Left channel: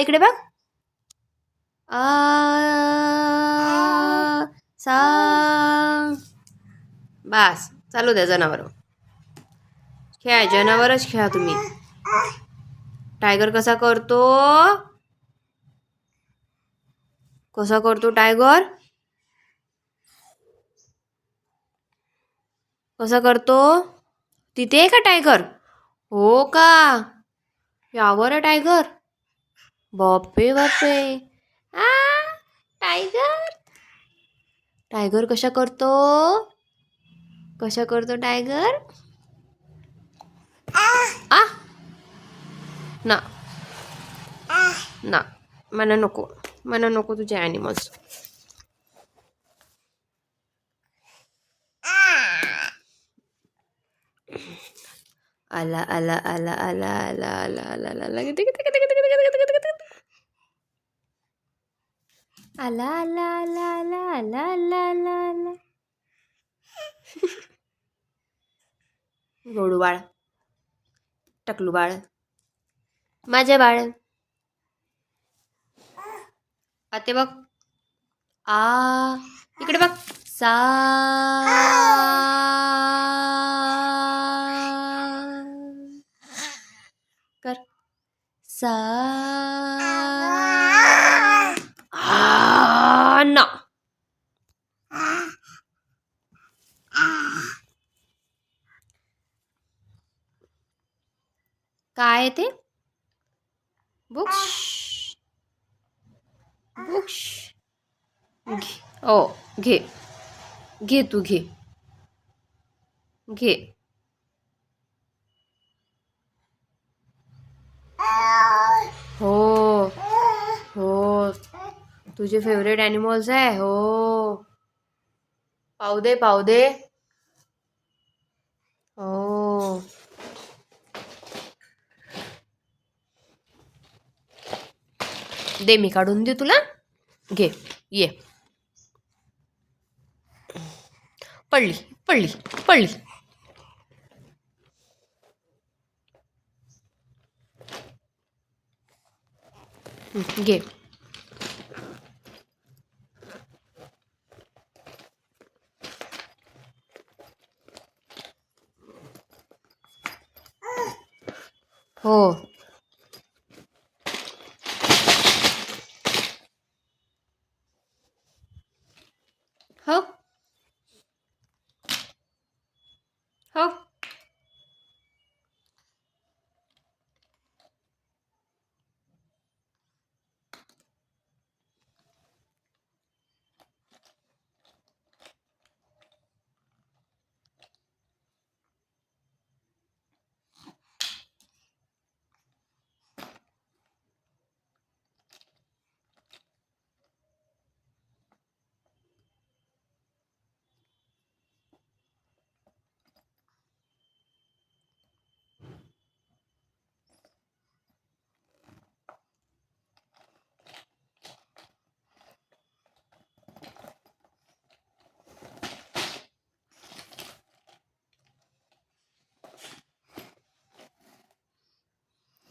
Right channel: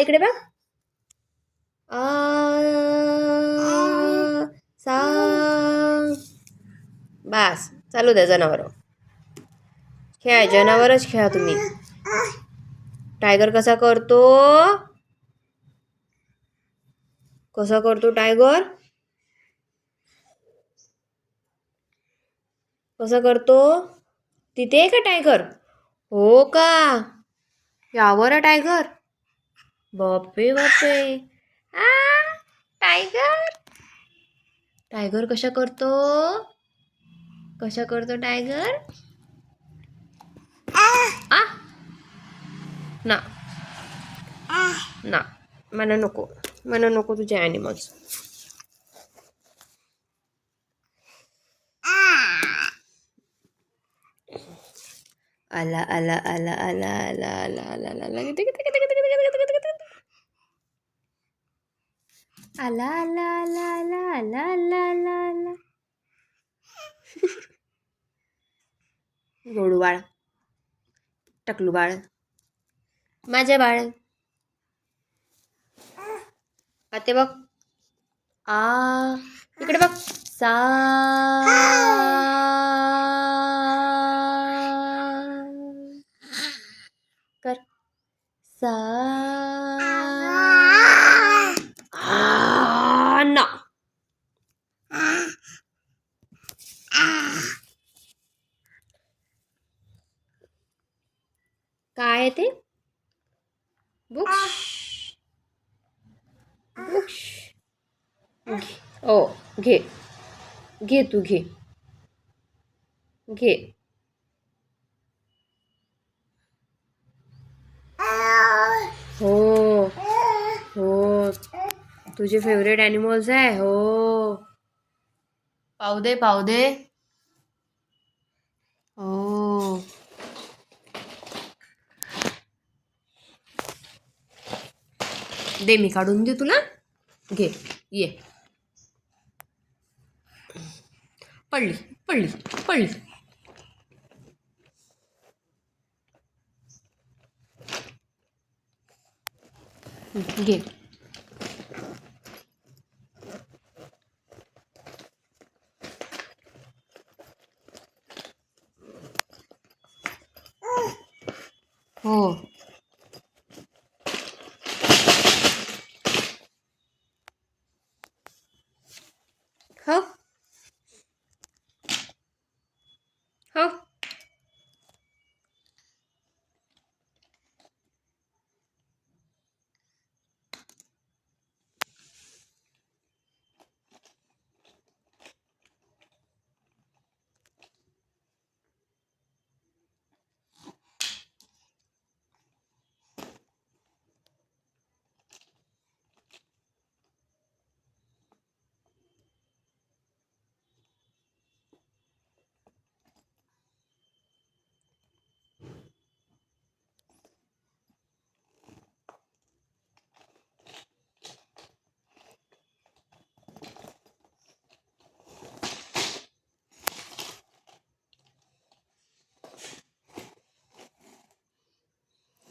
इकडे बघ. आ सा. बास, चालू द्या जनावर. खेळा, जनावरच खेळा तुम्ही. टायगर कसा करतो? कसा करतो टायगर? कसा करतो? तिथे आहे का टायगर? हो का? यावर आहे टायगर? बापरे बापरे. आ टायगर. टायगर कशा करतो? कशा करतो टायगर? आ ना ना, मला नको तुझे ॲनिमल्स. आला आला आला आला आला आला आला आला किती किती किती किती किती किती किती किती. आला आला आला आला आला आला आला आला. रोडू बाळ, टकलू बाळ, माझे बाळ. आते बघ. आ इकडे बघ. सा. कर. सा. ना. काय आहे ते? बुक्स. बुक्स. ओ घे. घे तू घे. घे. हो हो, तुझे फेवरेट ॲनिमल्स आहे. हो, पाहू दे पाहू दे. हो, दे, मी काढून दे तुला. घे, ये. पडली पडली पडली. घे. हो, हो हो.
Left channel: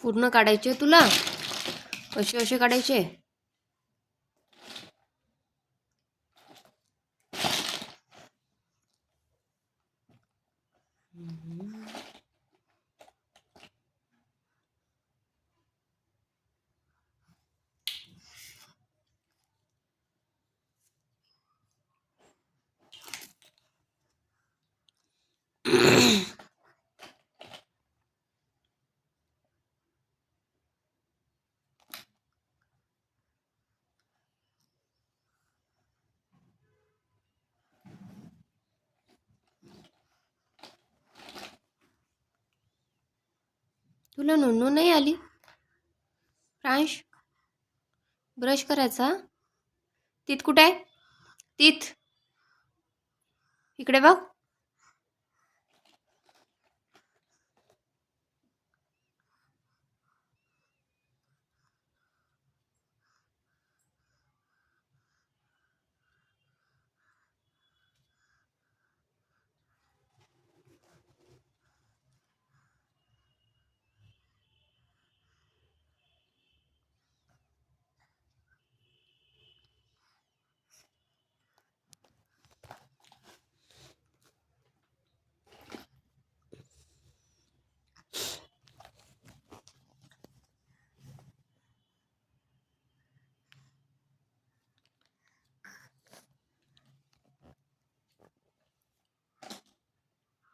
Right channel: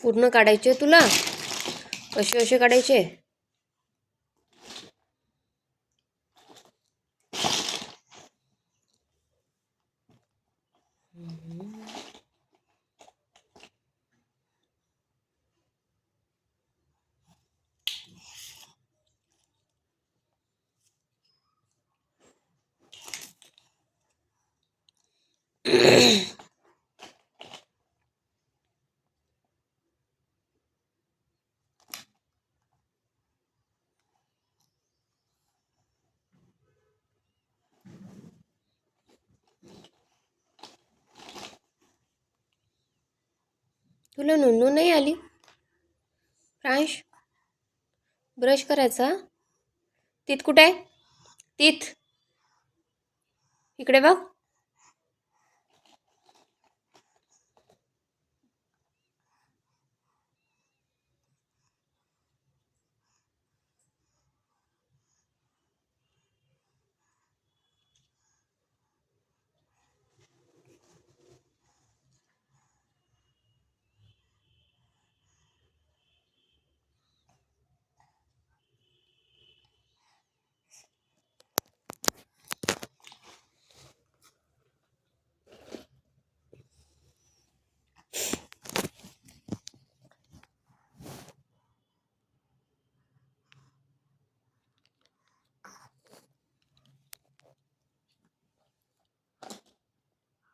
पूर्ण काढायचे तुला? कसे कसे काढायचे? तुला नोंदू नाही आली? फ्रांश, ब्रश करायचा. तीत कुठे आहे? तीत इकडे बघ.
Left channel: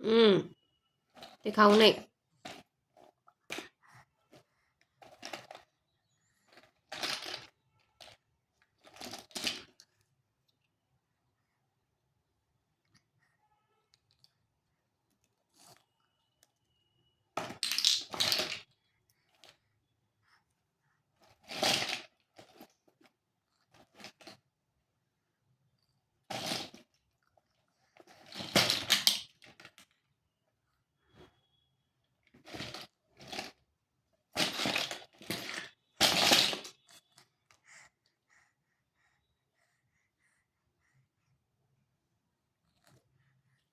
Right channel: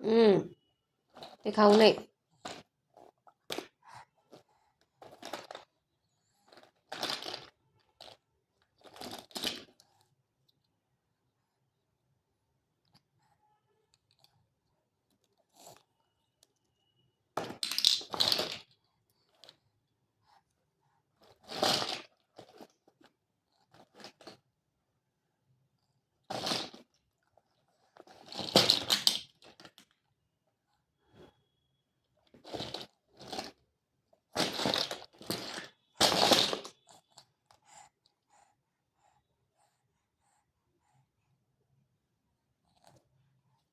ते खाऊ नये.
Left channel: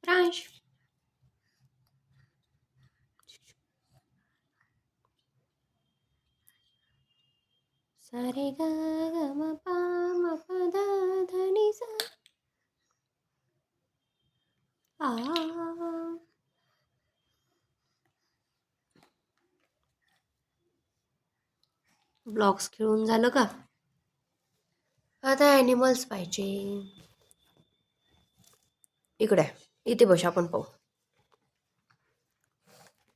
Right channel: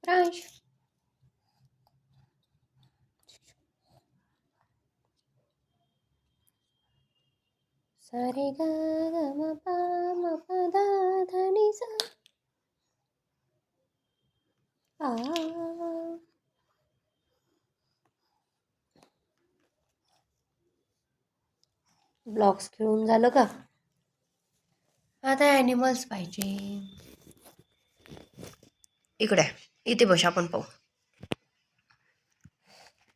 प्रांश. सारे ग म प म प ध ध नि सा. ब्लॉक्स खेळून झालं का? आता ॲनिमल्स पाहिजे. इकडे इथे बस, आपण पाहू.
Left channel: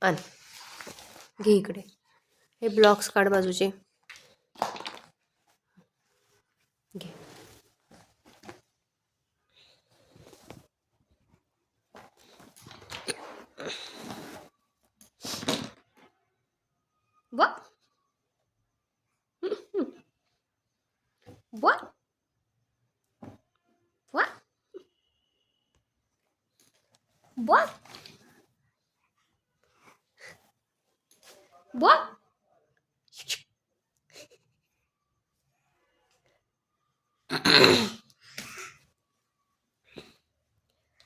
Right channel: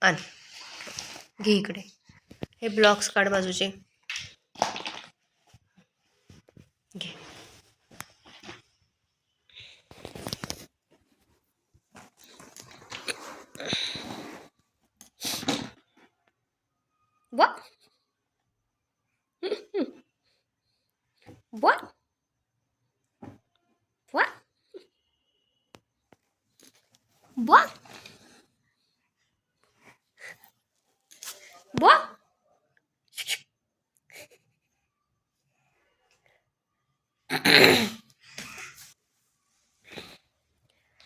आण घे इकडे. हे ब्लॉक्स काढ बाजूचे. घे. What? What? What? What? What?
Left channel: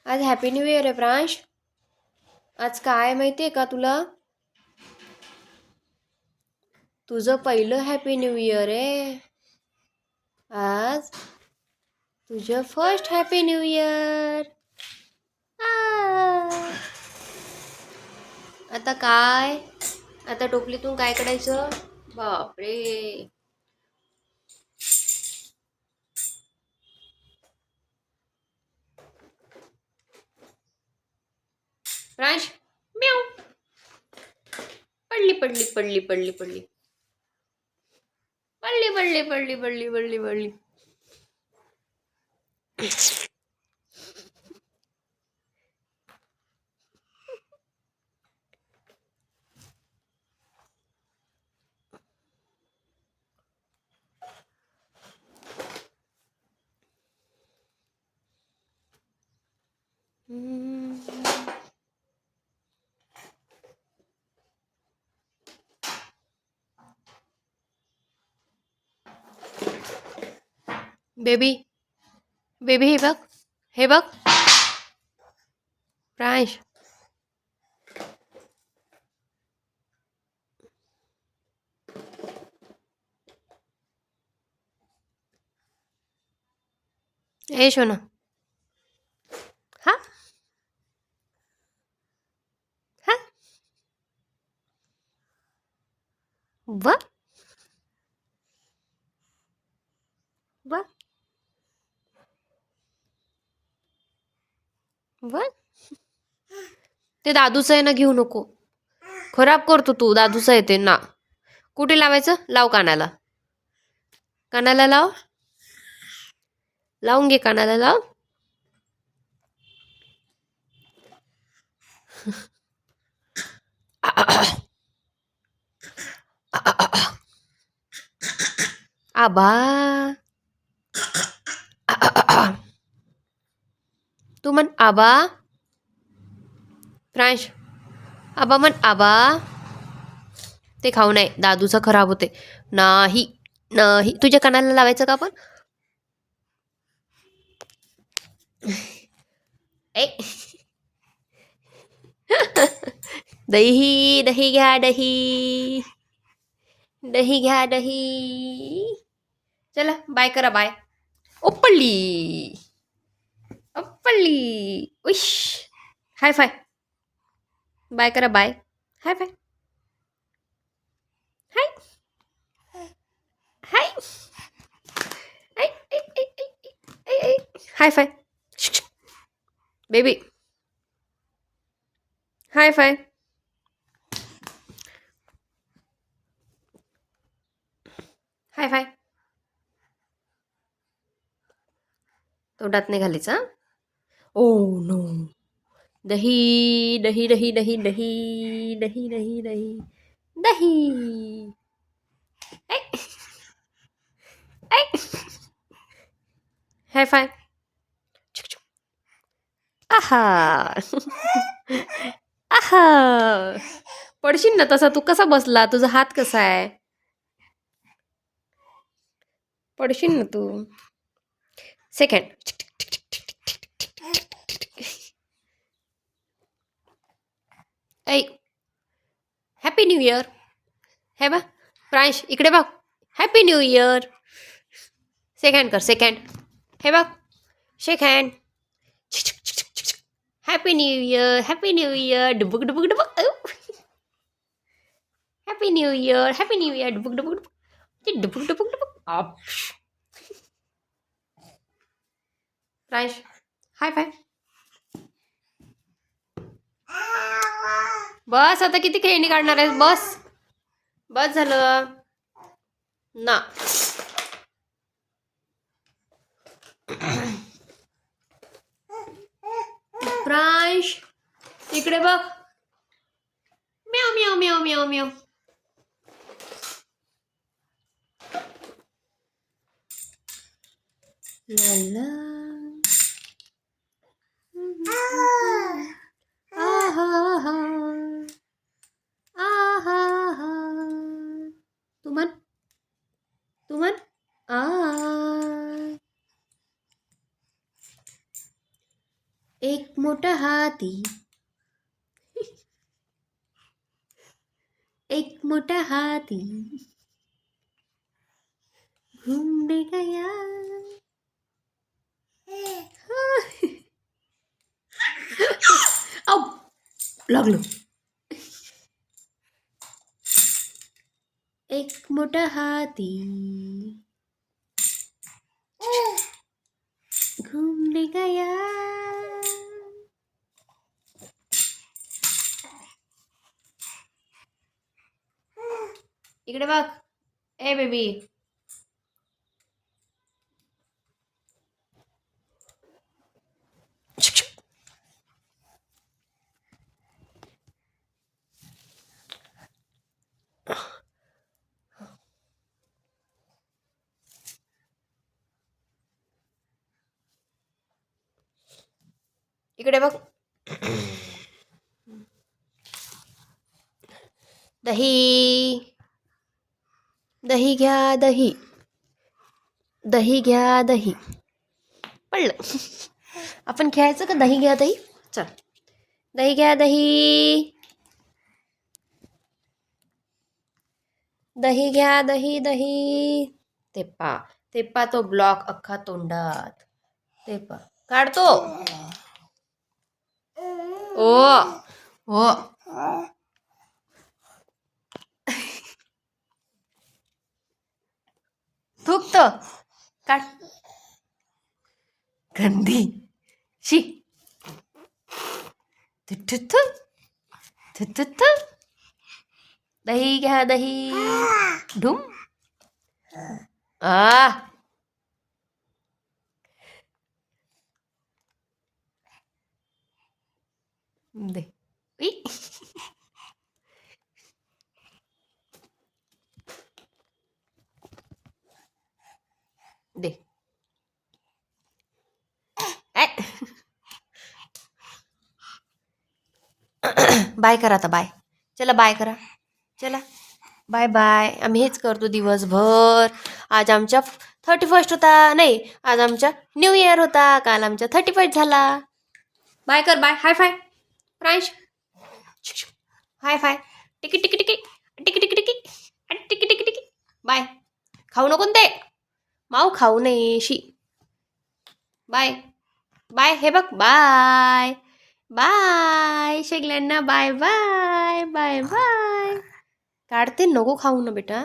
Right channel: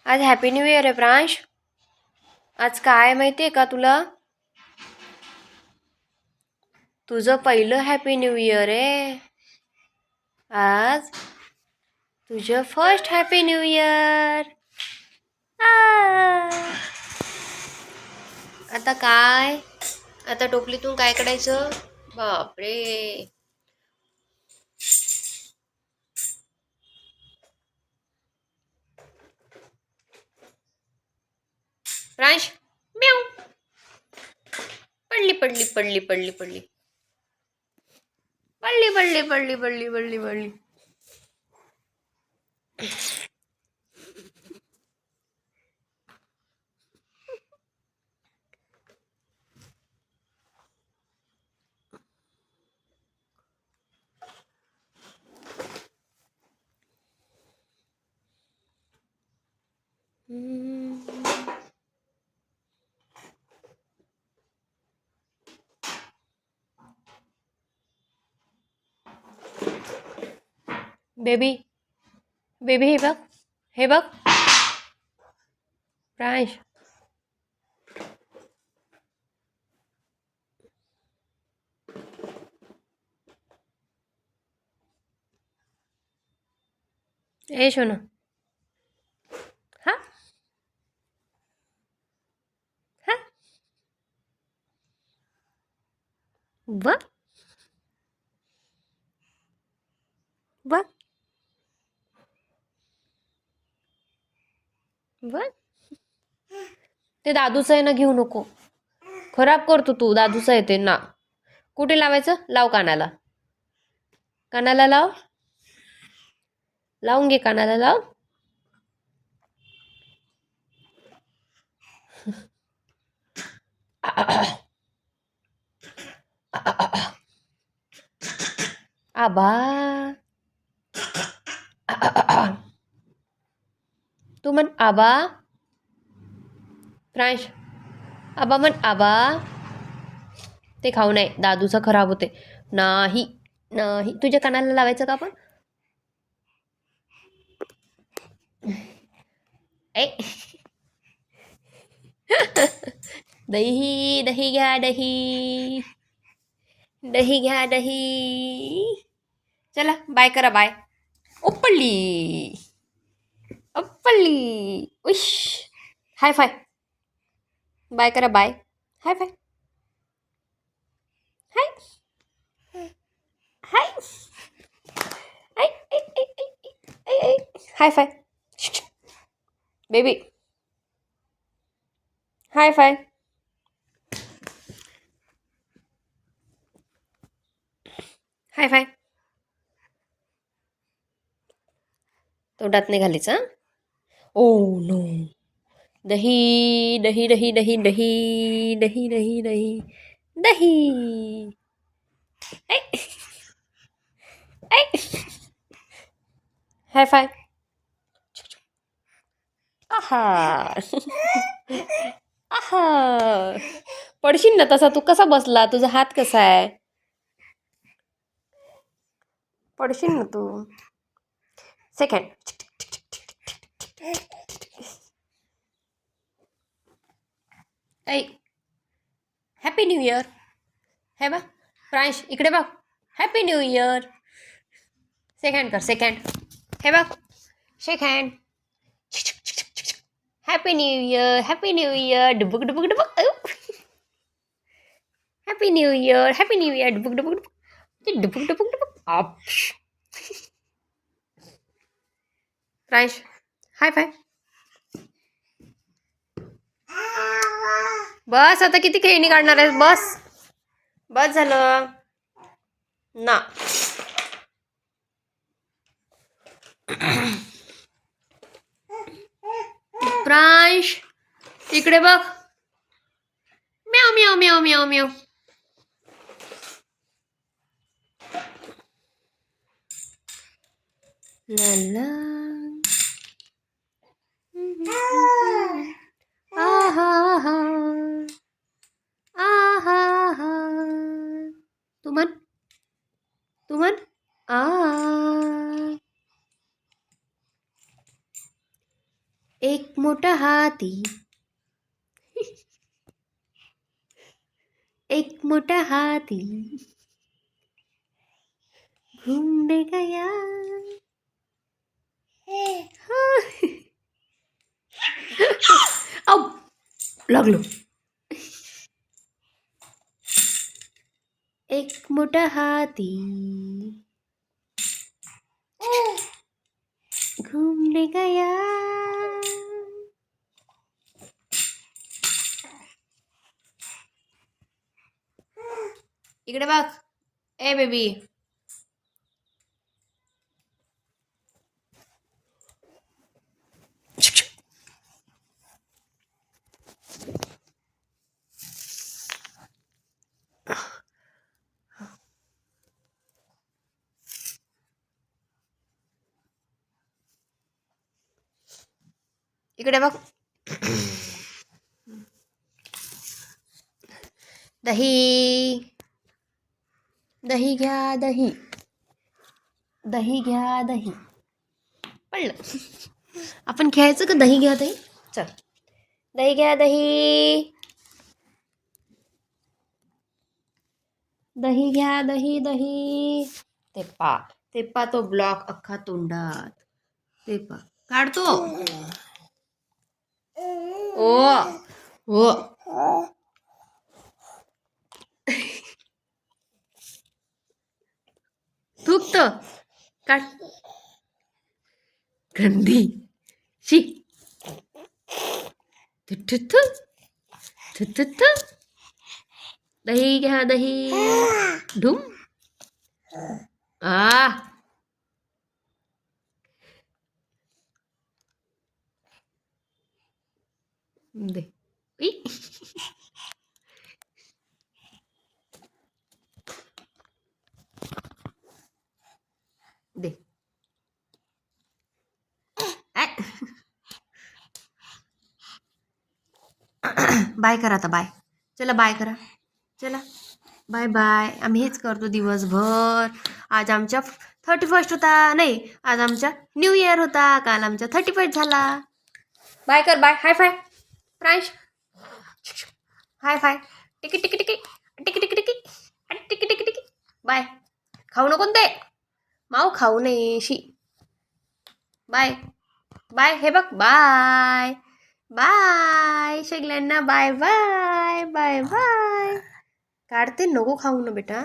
आज हॅपी न्यू इयर आहे प्रांश. आज काय माहिती आहे का तुला? तुझं पहिलं हॅपी न्यू इयर आहे आज. तुझं फर्स्ट हॅपी न्यू इयर. आता काय? आता टोपलीतून काय काढायचं? बापरे. प्रांश. म्याऊ. पडली पडली पडली पडली पडली पडली पडली पडली पडली पडली पडली. बेबी बेबी, हे बघ, हे बघ प्रांश. ए शोना. हा हा. व व व ते दादूचं आहे ना, घेऊ नको. खराब करतो तू. दादूचं आहे ते ना. कुठे लावायचं? लाव कानाला. कानाला लाव. लावून घे, कानाला लाव. आबा. तू म्हण आबा. प्रांश, आबा म्हण आबा. ते खाऊ नये, दादूचं खराब होते. नाही नाही. तुझ्या कानाला लावायचं का आपण? दही दही घ्या, दही दही घ्या, दही. चला बाय करा, बाय. ओपळली ओपळली. उश. High five. बाय करा, bye. High five. High high high five. Baby. High five. High five. तोंडात नाही घालायचं. Oh no. दही दही दही दही दही दही दही दही दही. ऐ, ऐ. हाय फाय. आहा. आहा. पडशील ना तसा. तू कसा बसला? तुझा हात कसा आहे? पडशील ना तू. सेकंड. ऐ. Happy new year. हे बघ प्रांश इकडे बघ. Happy new year. सेकंड कर सेकंड. हे बघ shake hand. Happy new year. Happy new year. डुबुक डुबुक डुबुक. Happy new year. Happy new year. डुबुक डुबुक डुबुक. डुबुक डुबुक डुबुक. आप. प्रांश हाय फाय. बस आता किती खेळणी काढणार आहेस? बस बस झालं ना. प्रांश इकडे बघ. म्याव म्याव म्याव म्याव म्याव. ला आहा हा. आहा हा. तू म्हण. तू म्हण. आ. एक मोठा हाती. एक मोठा हाती घूमने गया. औ लागलो. एक मोठा हाती घूमने गया. इकडे बघ. ए बेबी. इकडे बघ. दही दही घ्या दही. दही घ्या दही. पडलं. आपण खेळायचं का दही घ्या दही? चल. दही घ्या दही. दही घ्या दही दही. ते पा तो ब्लॉक अख्खा तोंडात. ते पा काढतो. ओ ओ. थुकतो. काढ. गंदी शी. दही घ्या दही. ढुम. आ. दे. ई. दे. बाय करा आता बाय. चला बाय करा. चला बाय बाय. आम्ही हेच करतो दिवसभर. आज आमच्या 31 होता. नाही आज आमच्या न्यू इयर होता. काल आमचा 31 झाला. बाय कर बाय. High five. प्रांश हाय फाय. टिकी टिकी टिकी टिकी टिकी टिकी टिकी टिकी टिकी. बाय. खाऊ नको ते. माऊ खाऊ नये शी. Bye bye. हे बघ बाय बाय. सगळ्यांना बाय बाय बाय बाय. काढते नको खाऊ ना बेटा.